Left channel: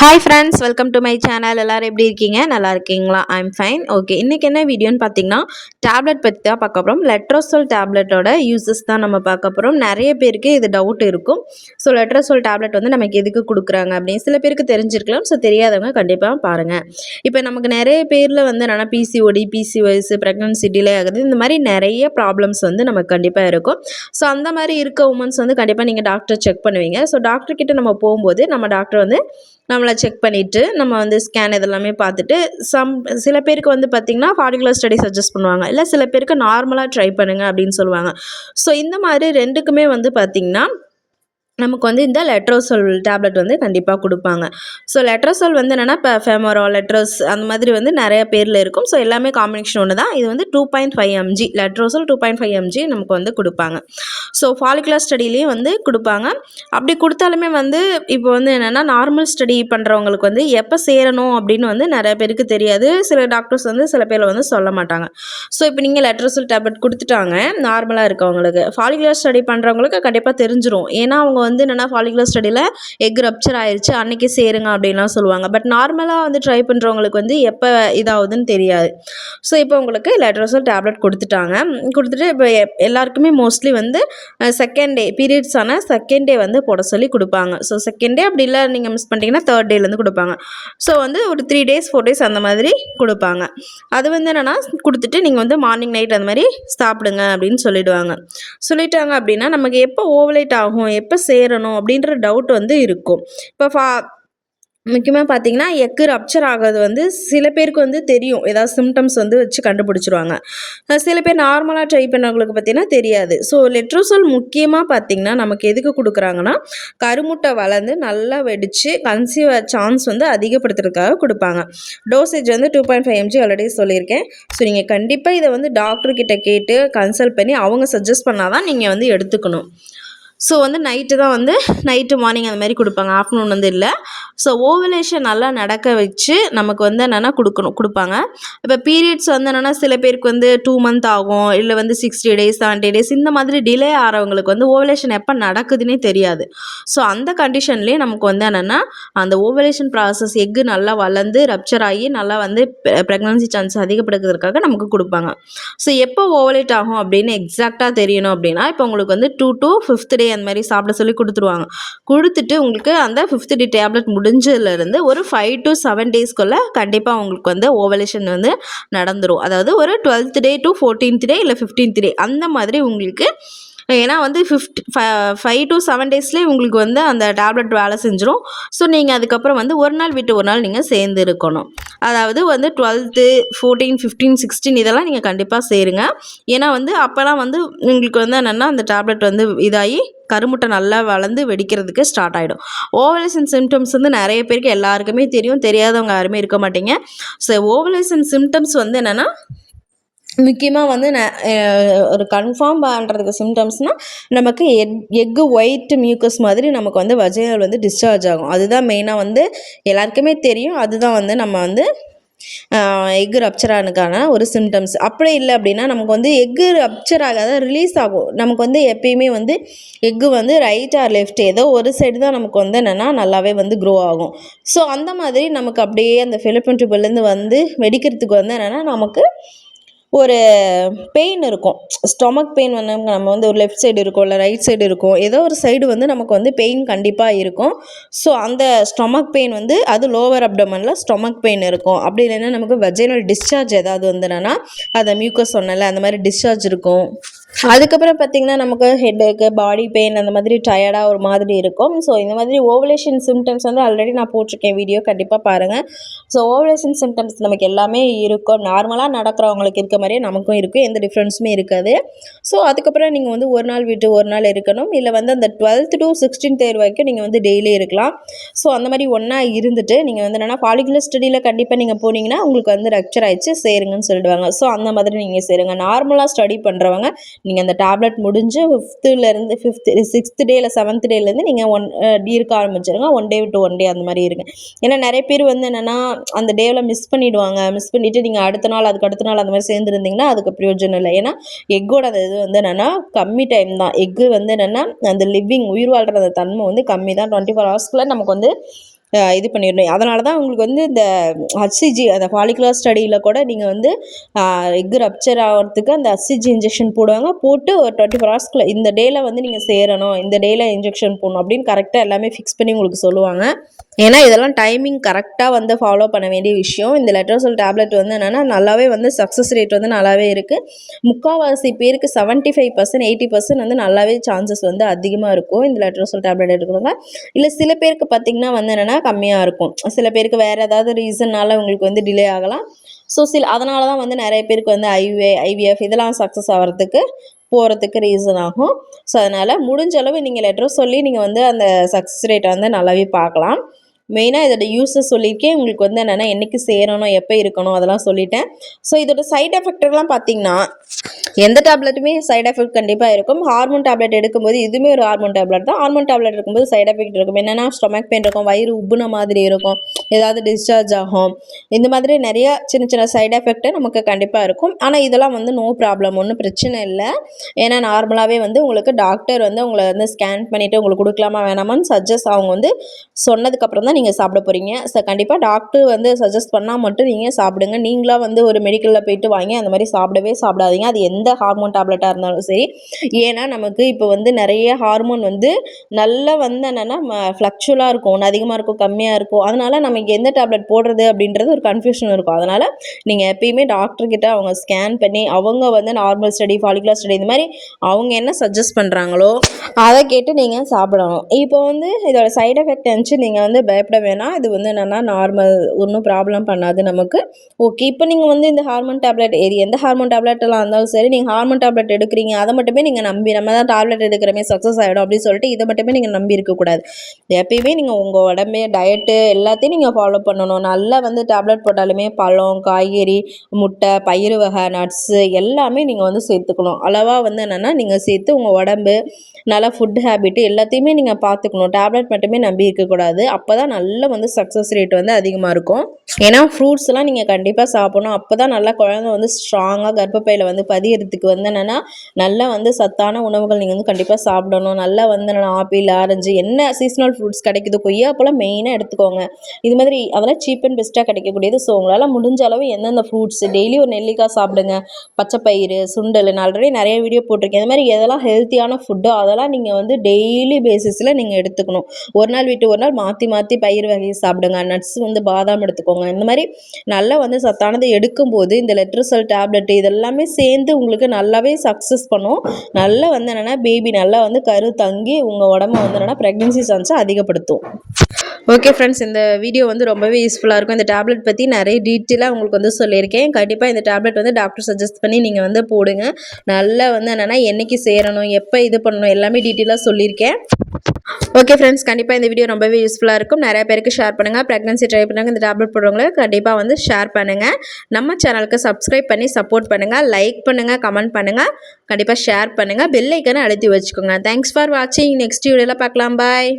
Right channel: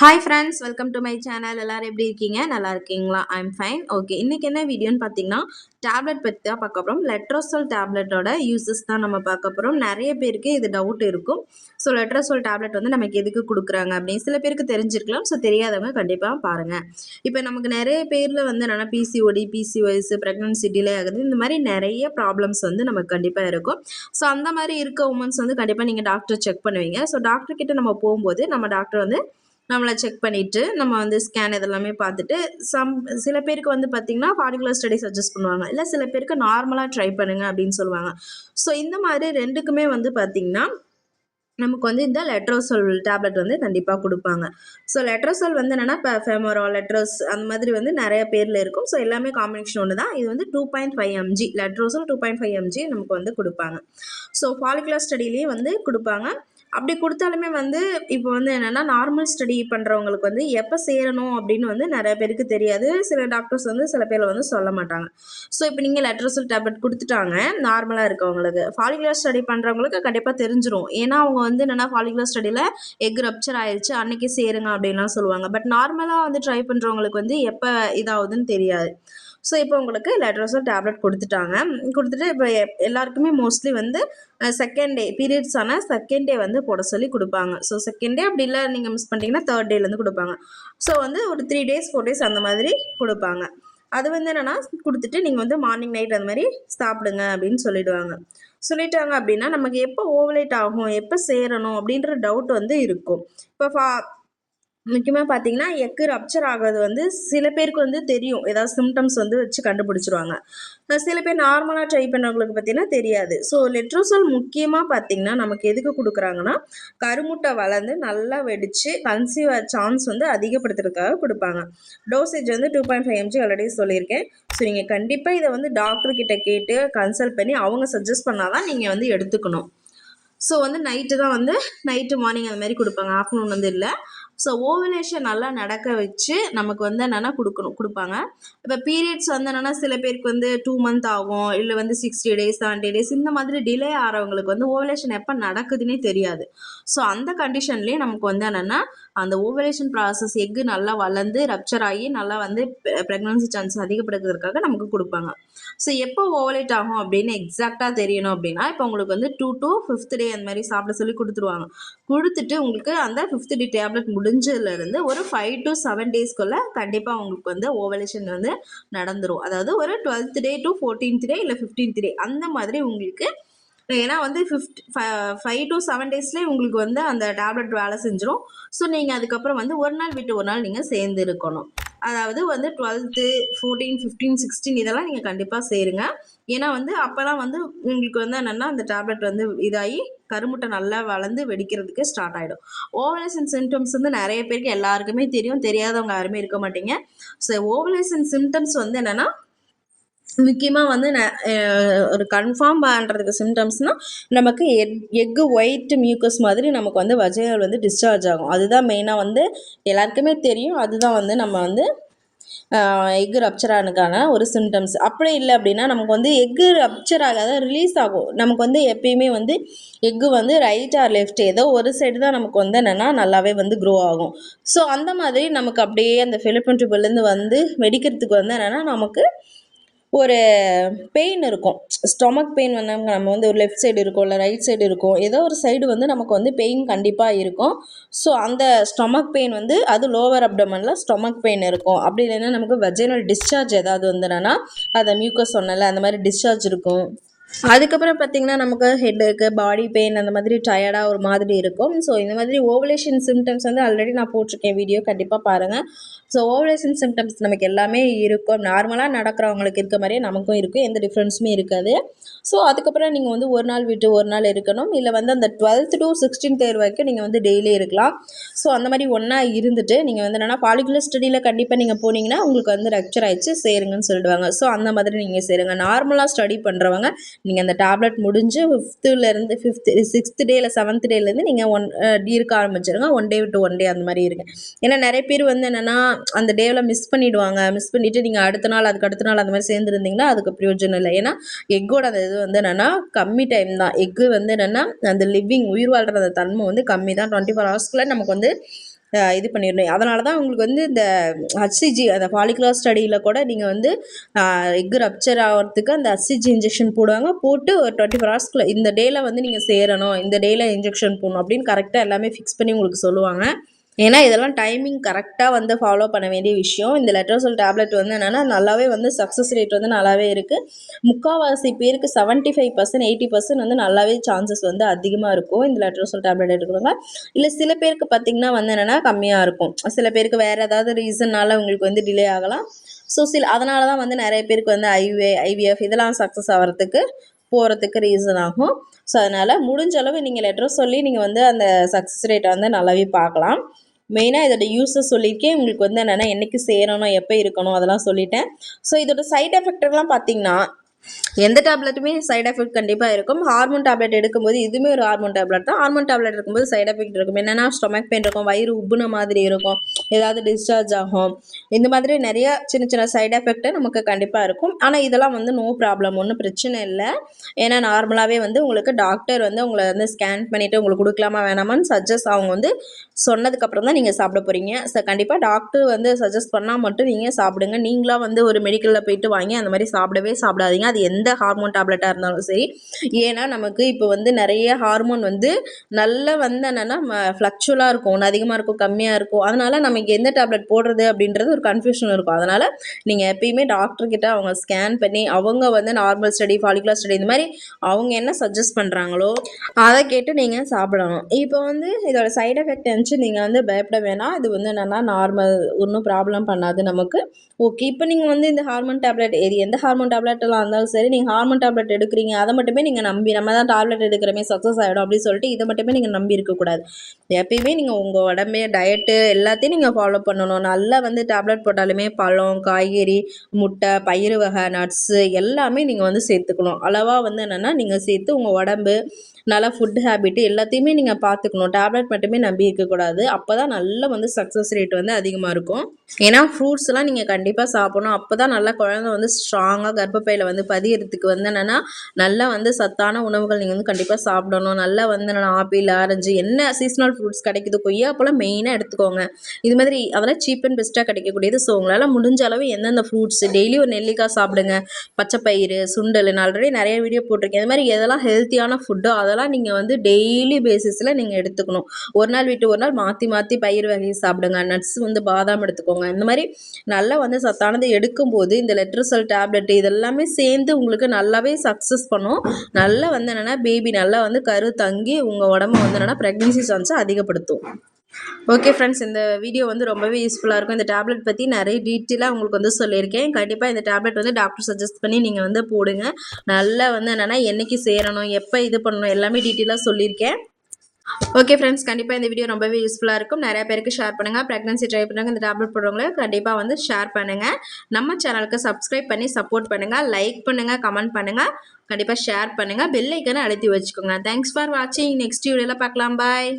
Hi friends, welcome to my channel. எல்லோரும் எப்படி இருக்கீங்க? நல்லா இருக்கீங்களா? I'm fine. ஓகே, இன்றைக்கி என்ன வீடியோன்னு பார்த்தீங்கன்னா, டேப்லெட் பற்றி தான் பார்க்க போகிறோம். லெட்ரோசோல் டேப்லெட்டோட யூசஸ் தான் நம்ம பார்க்க போகிறோம். நிறைய பேருக்கு இது டவுட் இருக்கும். ஸோ லெட்ரோசோல் டேப்லெட் வந்து நமக்கு எதுக்கு கொடுக்குறாங்க அப்படின்னு சில பேருக்கு தெரிஞ்சிருக்கலாம். ஸோ தெரியாதவங்க கண்டிப்பாக பாருங்கள். இப்போ நமக்கு நிறைய பேரில் வந்து என்னென்னா பிசிஓடி, பிசிஓஎஸ், ப்ரெக்னன்சி டிலே ஆகுது, இந்த மாதிரி நிறைய ப்ராப்ளம்ஸ் வந்து நமக்கு கண்டிப்பாக இருக்கும். ஸோ அந்த மாதிரி இருக்க உமன்ஸ் வந்து கண்டிப்பாக நீங்கள் டாக்டர் செக் பண்ணுவீங்க. ஸோ டாக்டர்கிட்ட நம்ம போகும்போது நம்ம டாக்டர் வந்து நம்மளை செக் பண்ணிவிட்டு நம்ம வந்து ஸ்கேன் இதெல்லாமே பார்த்துட்டு சில பேருக்கு வந்து பார்த்திங்கன்னா ஃபாலிகுலர் ஸ்டடி சஜஸ்ட் பண்ணுவாங்க. இல்லை சில பேருக்கு நார்மலாக ட்ரை பண்ணுங்கள் அப்படின்னு சொல்லுவாங்க. ஸோ இந்த மாதிரி ரெண்டுக்குமே வந்து பார்த்திங்கன்னா நமக்கு வந்து இந்த லெட்ரோசோல் டேப்லெட் வந்து கண்டிப்பாக கொடுப்பாங்க. ஸோ லெட்ரோசோல் வந்து என்னென்னா இப்போ ஃபெமோரால், லெட்ரோஸ் அந்த மாதிரி வந்து நிறைய பேரில் இருக்கும். ஸோ எல்லாமே காம்பினேஷன் ஒன்று தான். இது வந்து 2.5 mg லெட்ரோசோல் 2.5 mg நமக்கு வந்து கொடுப்பாங்க. ஸோ ஃபாலிகுலர் ஸ்டடிலேயும் வந்து கொடுப்பாங்க. அப்படி கொடுத்தாலுமே வந்து இப்போ வந்து என்னென்னா நார்மல் ஸ்டடி பண்ணுறவங்களுக்கு வந்து எப்போ சேரணும் அப்படின்னு வந்து நிறைய பேருக்கு தெரியாது. சில டாக்டர்ஸ் வந்து சில பேர் வந்து சொல்ல மாட்டாங்க. ஸோ இப்போ நீங்கள் லெட்ரோசோல் டேப்லெட் கொடுத்துட்டாங்க நார்மலாக இருக்கவங்களுக்கு. ஃபாலிகுலர் ஸ்டடி பண்ணுறவங்களுக்கு கண்டிப்பாக தெரிஞ்சிடும். ஏன்னா அவங்க வந்து என்னென்னா ஃபாலிகுலர் ஸ்டடியில் எக் ரப்ச்சர் ஆயிடுச்சு அன்றைக்கி சேருங்க அப்படின்லாம் சொல்லுவாங்க. பட் நார்மலாக வந்து ட்ரை பண்ணுறவங்களுக்கு வந்து எப்போ இதாகுதுன்னு தெரியாது. ஸோ இப்போ உங்களுக்கு லெட்ரோசோல் டேப்லெட் கொடுத்துட்டாங்க. கொடுத்துட்டு இப்போ எல்லாருக்குமே மோஸ்ட்லி வந்து செகண்ட் டே பீரியட்ஸ் ஆனால் செகண்ட் டே வந்து போட சொல்லி கொடுப்பாங்க. ஸோ செகண்ட் டே அப்படி இல்லை நீங்கள் மிஸ் பண்ணிட்டீங்கன்னா தேர்ட் டேலேருந்து கொடுப்பாங்க. ஸோ வந்து ஒரு 3 days 4 days அந்த மாதிரி கொடுப்பாங்க. அது வந்து என்னென்னா கொடுத்துட்டு நீங்கள் வந்து மார்னிங் நைட் அந்த மாதிரி சாப்பிடுங்க அப்படின்னு சொல்லிட்டாங்க அப்படின்னா நமக்கு எப்போ ஓவலேட் ஆகும், எப்போ சேரணும் அப்படின்ற டவுட் வந்து இருக்கும். இப்போ முக்கியமாக பார்த்தீங்கன்னா எக்கு ரப்ச்சர் ஆகிறது வந்து சில பேருக்கு வந்து தெரியும். ஏதாவது சிம்டம்ஸ் வந்து வச்சு கண்டுபிடிச்சிருவாங்க. சில பேர் நார்மலாக ட்ரை பண்ணவங்களுக்கு பார்த்தீங்கன்னா தெரியாது. ஸோ லெட்ரோசோல் முக்கியமாக பார்த்தீங்கன்னா நமக்கு எதுக்கு கொடுக்குறாங்கன்னா கருமுட்டை வளர்ந்து நல்லா வெடித்து கன்சீவ் சான்ஸ் வந்து அதிகப்படுத்துறதுக்காக கொடுப்பாங்க. டோசேஜ் வந்து 2.5 mg ஆல்ரெடி சொல்லியிருக்கேன். ஸோ நீங்கள் கண்டிப்பாக இதை வந்து டாக்டர்கிட்ட கேட்டு கன்சல்ட் பண்ணி அவங்க சஜஸ்ட் பண்ணால் தான் நீங்கள் வந்து எடுத்துக்கணும். ஸோ வந்து நைட்டு மார்னிங் அந்த மாதிரி கொடுப்பாங்க. ஆஃப்டர்நூன் வந்து இல்லை. ஸோ ஓவலேஷன் நல்லா நடக்க வச்சு நமக்கு வந்து என்னென்னா கொடுப்பாங்க. இப்போ பீரியட்ஸ் வந்து என்னென்னா சில பேருக்கு வந்து 2 month ஆகும், இல்லை வந்து 60 days 70 days இந்த மாதிரி டிலே ஆகிறவங்களுக்கு வந்து ஓவலேஷன் எப்போ நடக்குதுன்னே தெரியாது. ஸோ அந்த கண்டிஷன்லேயே நமக்கு வந்து என்னென்னா அந்த ஓவலேஷன் ப்ராசஸ் எக்கு நல்லா வளர்ந்து ரப்ச்சர் ஆகி நல்லா வந்து ப்ரெக்னன்சி சான்ஸ் அதிகப்படுத்துறதுக்காக நமக்கு கொடுப்பாங்க. ஸோ எப்போ ஓவலேட் ஆகும் அப்படின்னு எக்ஸாக்டாக தெரியணும் அப்படின்னா இப்போ உங்களுக்கு வந்து 2 to 5th day அந்த மாதிரி சாப்பிட சொல்லி கொடுத்துருவாங்க. கொடுத்துட்டு உங்களுக்கு அந்த 5th day டேப்லெட் முடிஞ்சதுலேருந்து ஒரு 5 to 7 daysக்குள்ளே கண்டிப்பாக உங்களுக்கு வந்து ஓவலேஷன் வந்து நடந்துடும். அதாவது ஒரு 12th day to 14th day இல்லை 15th day அந்த மாதிரி உங்களுக்கு. ஏன்னா வந்து 5 to 7 daysலேயே உங்களுக்கு வந்து அந்த டேப்லெட் வேலை செஞ்சிடும். ஸோ நீங்கள் அதுக்கப்புறம் வந்து ஒரு நாள் விட்டு ஒரு நாள் நீங்கள் சேர்ந்து இருக்கணும். அதாவது வந்து 12th 14 15 16 இதெல்லாம் நீங்கள் கண்டிப்பாக சேருங்க. ஏன்னா வந்து அப்போலாம் வந்து உங்களுக்கு வந்து என்னென்னா அந்த டேப்லெட் வந்து இதாகி கருமுட்டை நல்லா வளர்ந்து வெடிக்கிறதுக்கு ஸ்டார்ட் ஆகிடும். ஓவலேஷன் சிம்டம்ஸ் வந்து நிறைய பேருக்கு எல்லாருக்குமே தெரியும். தெரியாதவங்க யாருமே இருக்க மாட்டீங்க. ஸோ ஓவலேஷன் சிம்டம்ஸ் வந்து என்னென்னா முக்கியமாக வந்து ஒரு கன்ஃபார்ம் பண்ணுறதுக்கு சிம்டம்ஸ்னால் நமக்கு எக்கு ஒயிட் மியூக்கஸ் மாதிரி நமக்கு வந்து வஜைனல் வந்து டிஸ்சார்ஜ் ஆகும். அதுதான் மெயினாக வந்து எல்லாருக்குமே தெரியும். அதுதான் வந்து நம்ம வந்து எக்கு ரப்ச்சர் ஆனதுக்கான ஒரு சிம்டம்ஸ். அப்படி இல்லை அப்படின்னா நமக்கு வந்து எக்கு ரப்ச்சர் ஆகாத ரிலீஸ் ஆகும். நமக்கு வந்து எப்பயுமே வந்து எக்கு வந்து ரைட் ஆர் லெஃப்ட் ஏதோ ஒரு சைடு தான் நமக்கு வந்து என்னென்னா நல்லாவே வந்து க்ரோ ஆகும். ஸோ அந்த மாதிரி நமக்கு அப்படியே அந்த ஃபெலோப்பியன் டியூப்லேருந்து வந்து வெடிக்கிறதுக்கு வந்து என்னென்னா நமக்கு ஒரு பெயின் இருக்கும். ஸ்டொமக் பெயின் வந்து நம்ம வந்து ஒரு லெஃப்ட் சைடு இருக்கும், இல்லை ரைட் சைடு இருக்கும், ஏதோ ஒரு சைடு வந்து நமக்கு வந்து பெயின் கண்டிப்பாக இருக்கும். ஸோ அந்த ஸ்டொமக் பெயின் வந்து அது லோவர் அப்டமனில் ஸ்டொமக் பெயின் இருக்கும். அப்படி இல்லைன்னா நமக்கு வெஜைனல் டிஸ்சார்ஜ் ஏதாவது வந்து என்னென்னா அதை மியூக்கஸ் சொன்னல அந்த மாதிரி டிஸ்சார்ஜ் இருக்கும். அதுக்கப்புறம் பார்த்திங்கன்னா நமக்கு ஹெட்டேக்கு, பாடி பெயின் அந்த மாதிரி டயர்டாக ஒரு மாதிரி இருக்கும். ஸோ இந்த மாதிரி ஓவலேஷன் சிம்டம்ஸ் வந்து ஆல்ரெடி நான் போட்டிருக்கேன் வீடியோ, கண்டிப்பாக பாருங்கள். ஸோ ஓவலேஷன் சிம்டம்ஸ் நமக்கு எல்லாமே இருக்கும். நார்மலாக நடக்கிறவங்களுக்கு இருக்க மாதிரியே நமக்கும் இருக்கும். எந்த டிஃப்ரென்ஸுமே இருக்காது. ஸோ அதுக்கப்புறம் நீங்கள் வந்து ஒரு நாள் விட்டு ஒரு நாள் இருக்கணும். இல்லை வந்து அந்த 12th to 16th day வரைக்கும் நீங்கள் வந்து டெய்லி இருக்கலாம். ஸோ அந்த மாதிரி ஒன்றா இருந்துட்டு நீங்கள் வந்து என்னென்னா ஃபாலிகுலர் ஸ்டடியில் கண்டிப்பாக நீங்கள் போனீங்கன்னா உங்களுக்கு வந்து ரப்ச்சர் ஆகிடுச்சு சேருங்கன்னு சொல்லிடுவாங்க. ஸோ அந்த மாதிரி நீங்கள் சேருங்க. நார்மலாக ஸ்டடி பண்ணுறவங்க நீங்கள் அந்த டேப்லெட் முடிஞ்சு 6th day இல்லை 7th dayலேருந்து நீங்கள் இருக்க ஆரம்பிச்சிருங்க. 1 day to 1 day அந்த மாதிரி இருங்க. ஏன்னா நிறைய பேர் வந்து என்னென்னா அந்த டேவில் மிஸ் பண்ணிவிட்டு நீங்கள் அடுத்த நாள் அந்த மாதிரி சேர்ந்துருந்தீங்கன்னா அதுக்கு பிரயோஜனம் இல்லை. ஏன்னா எக்கோட அந்த இது வந்து என்னென்னா கம்மி டைம் தான். எக்கு வந்து என்னென்னா அந்த லிவிங் உயிர் வாழ்கிற அந்த தன்மை வந்து கம்மி தான். 24 hours நமக்கு வந்து இது பண்ணிடணும். அதனால தான் உங்களுக்கு வந்து இந்த ஹச்சிஜி அந்த ஃபாலிகுலர் ஸ்டடியில் கூட நீங்கள் வந்து எக் ரப்ச்சர் ஆகிறதுக்கு அந்த ஹச்சிஜி இன்ஜெக்ஷன் போடுவாங்க. போட்டு ஒரு 24 ஹவர்ஸ்க்குள்ளே இந்த டேயில் வந்து நீங்கள் சேரணும், இந்த டேயில் இன்ஜெக்ஷன் போடணும் அப்படின்னு கரெக்டாக எல்லாமே ஃபிக்ஸ் பண்ணி உங்களுக்கு சொல்லுவாங்க. ஏன்னா இதெல்லாம் டைமிங் கரெக்டாக வந்து ஃபாலோ பண்ண வேண்டிய விஷயம். இந்த லெட்ரோசோல் டேப்லெட் வந்து என்னென்னா நல்லாவே வந்து சக்ஸஸ் ரேட் வந்து நல்லாவே இருக்குது. முக்கால்வாசி பேருக்கு 75% 80% வந்து நல்லாவே சான்சஸ் வந்து அதிகமாக இருக்கும் இந்த லெட்ரோசோல் டேப்லெட் எடுக்கிறவங்க. இல்லை சில பேருக்கு பார்த்திங்கன்னா வந்து என்னென்னா கம்மியாக இருக்கும். சில பேருக்கு வேறு ஏதாவது ரீசன்னால் உங்களுக்கு வந்து டிலே ஆகலாம். ஸோ அதனால தான் வந்து நிறைய பேருக்கு வந்து ஐவிஎஃப் இதெல்லாம் சக்ஸஸ் போகிறதுக்கு ரீசன் ஆகும். ஸோ அதனால் முடிஞ்ச அளவு நீங்கள் லெட்ரோசோல்லே நீங்கள் வந்து அந்த சக்ஸஸ் ரேட்டை வந்து நல்லாவே பார்க்கலாம். மெயினாக இதோட யூஸஸ் சொல்லியிருக்கேன். உங்களுக்கு வந்து என்னென்னா என்றைக்கு சேரணும், எப்போ இருக்கணும் அதெல்லாம் சொல்லிட்டேன். ஸோ இதோட சைட் எஃபெக்ட்லாம் பார்த்திங்கன்னா எந்த டேப்லெட்டுமே சைட் எஃபெக்ட் கண்டிப்பாக இருக்கும். ஹார்மோன் டேப்லெட் எடுக்கும்போது இதுவுமே ஒரு ஹார்மோன் டேப்லெட் தான். ஹார்மோன் டேப்லெட் எடுக்கும்போது சைட் எஃபெக்ட் இருக்கும். என்னென்னா ஸ்டொமக் பெயின் இருக்கும், வயிறு உப்புன மாதிரி இருக்கும், ஏதாவது டிஸ்சார்ஜ் ஆகும், இந்த மாதிரி நிறைய சின்ன சின்ன சைட் எஃபெக்ட்டு நமக்கு கண்டிப்பாக இருக்கும். ஆனால் இதெல்லாம் வந்து நோ ப்ராப்ளம், ஒன்றும் பிரச்சனை இல்லை. ஏன்னா நார்மலாகவே வந்து உங்களுக்கு டாக்டர் வந்து உங்களை வந்து ஸ்கேன் பண்ணிவிட்டு உங்களுக்கு கொடுக்கலாமா வேணாமான்னு சஜஸ்ட் அவங்க வந்து சொன்னதுக்கப்புறம் தான் நீங்கள் சாப்பிட போகிறீங்க. ஸோ கண்டிப்பாக டாக்டர் வந்து சஜஸ்ட் பண்ணால் மட்டும் நீங்கள் சாப்பிடுங்க. நீங்களாக வந்து ஒரு மெடிக்கலில் போயிட்டு வாங்கி அந்த மாதிரி சாப்பிடாதீங்க. அது எந்த ஹார்மோன் டேப்லெட்டாக இருந்தாலும் சரி. ஏன்னா நமக்கு இப்போ வந்து நிறைய ஹார்மோன் வந்து நல்லா வந்து என்னென்னா ஃப்ளக்சுவலாக இருக்கும், ஒன்று அதிகமாக இருக்கும், கம்மியாக இருக்கும். அதனால் நமக்கு எந்த டேப்லெட் போடுறது அப்படின்றது ஒரு கன்ஃபியூஷன் இருக்கும். அதனால் நீங்கள் எப்பயுமே டாக்டர்கிட்ட அவங்க ஸ்கேன் பண்ணி அவங்க வந்து நார்மல் ஸ்டடி, ஃபாலிகுலர் ஸ்டடி இந்த மாதிரி அவங்க என்ன சஜஸ்ட் பண்ணுறாங்களோ அதை கேட்டு நீங்கள் சாப்பிடணும். இப்போ வந்து இதோட சைட் எஃபெக்ட் இருந்துச்சு நீங்கள் வந்து பயப்பட வேணாம். இது வந்து என்னென்னா நார்மல், ஒன்றும் ப்ராப்ளம் பண்ணாது நமக்கு. ஓகே, இப்போ நீங்கள் வந்து இந்த ஹார்மோன் டேப்லெட் எந்த ஹார்மோன் டேப்லெட்டெல்லாம் இருந்தாலும் சரி, நீங்கள் ஹார்மோன் டேப்லெட் எடுக்கிறீங்க அதை மட்டுமே நீங்கள் நம்பி நம்ம தான் டேப்லெட் எடுக்கிறமே சக்ஸஸ் ஆகிடும் அப்படின்னு சொல்லிட்டு இதை மட்டுமே நீங்கள் நம்பி இருக்கக்கூடாது. எப்பயுமே நீங்கள் உங்கள் உடம்பே டயட்டு எல்லாத்தையும் நீங்கள் ஃபாலோ பண்ணணும். நல்லா வந்து டேப்லெட் போட்டாலுமே பழம், காய்கறி, முட்டை, பயிறு வகை, நட்ஸு எல்லாமே நீங்கள் வந்து சேர்த்துக்கணும். அளவாக வந்து என்னென்னா நீங்கள் சேர்த்து உங்கள் உடம்பு நல்லா ஃபுட் ஹேபிட்டு எல்லாத்தையுமே நீங்கள் பார்த்துக்கணும். டேப்லெட் மட்டுமே நம்பி இருக்கக்கூடாது. அப்போ தான் நல்ல வந்து சக்ஸஸ் ரேட் வந்து அதிகமாக இருக்கும். ஏன்னா ஃப்ரூட்ஸ்லாம் நீங்கள் கண்டிப்பாக சாப்பிடணும். அப்போ தான் நல்லா குழந்தை வந்து ஸ்ட்ராங்காக கர்ப்பப்பையில் வந்து பதியறதுக்கு வந்து என்னென்னா நல்லா வந்து சத்தான உணவுகள் நீங்கள் வந்து கண்டிப்பாக சாப்பிடணும். நல்லா வந்து என்னென்னா ஆப்பிள், ஆரஞ்சு என்ன சீசனல் ஃப்ரூட்ஸ் கிடைக்குது, கொய்யாப்பழம் மெயினாக எடுத்துக்கோங்க. இது மாதிரி அதெல்லாம் சீப் அண்ட் பெஸ்ட்டாக கிடைக்கக்கூடியது. ஸோ உங்களால் முடிஞ்ச அளவு எந்தெந்த ஃப்ரூட்ஸ் டெய்லி ஒரு நெல்லிக்காய் சாப்பிடுங்க, பச்சைப்பயிறு, சுண்டல், நான் ஆல்ரெடி நிறைய வீடியோ போட்டிருக்கேன். இந்த மாதிரி எதெல்லாம் ஹெல்த்தியான ஃபுட்டோ அதெல்லாம் நீங்கள் வந்து டெய்லி பேசிஸில் நீங்கள் எடுத்துக்கணும். ஒரு நாள் விட்டு ஒரு நாள் மாற்றி மாற்றி பயிர் வகை சாப்பிடுங்க. நட்ஸ் வந்து பாதாம் எடுத்துக்கோங்க. இந்த மாதிரி நல்லா வந்து சத்தானது எடுக்கும்போது இந்த லெட்ரோசோல் டேப்லெட் இதெல்லாமே சேர்ந்து உங்களுக்கு நல்லாவே சக்ஸஸ் பண்ணும். நல்லா வந்து என்னென்னா பேபி நல்லா வந்து கரு தங்கி உங்கள் உடம்ப வந்து என்னென்னா ப்ரெக்னென்சி சான்ஸை அதிகப்படுத்தும். ஓகே ஃப்ரெண்ட்ஸ், இந்த வீடியோ வந்து ரொம்பவே யூஸ்ஃபுல்லாக இருக்கும். இந்த டேப்லெட் பற்றி நிறைய டீட்டெயிலாக உங்களுக்கு வந்து சொல்லியிருக்கேன். கண்டிப்பாக இந்த டேப்லெட் வந்து டாக்டர் சஜஸ்ட் பண்ணி நீங்கள் வந்து போடுங்க. நல்லா வந்து என்னென்னா என்றைக்கு சேரணும், எப்போ இது பண்ணணும் எல்லாமே டீட்டெயிலாக சொல்லியிருக்கேன். ஓகே ஃப்ரெண்ட்ஸ், கண்டிப்பாக இந்த வீடியோ ரொம்பவே யூஸ்ஃபுல்லாக இருக்கும். நிறைய பேருக்கு ஷேர் பண்ணுங்கள். ப்ரெக்னன்சி ட்ரை பண்ணுறாங்க இந்த டேப்லெட் போடுறவங்கள கண்டிப்பாக வந்து ஷேர் பண்ணுங்கள். நம்ம சேனலுக்கு சப்ஸ்கிரைப் பண்ணி சப்போர்ட் பண்ணுங்கள். லைக் பண்ணுங்கள், கமெண்ட் பண்ணுங்கள், கண்டிப்பாக ஷேர் பண்ணுங்கள், பெல் ஐக்கனை அழுத்தி வச்சுக்கோங்க. தேங்க்ஸ் ஃபார் வாட்சிங். நெக்ஸ்ட் வீடியோவில் பார்க்கலாம். பாய்.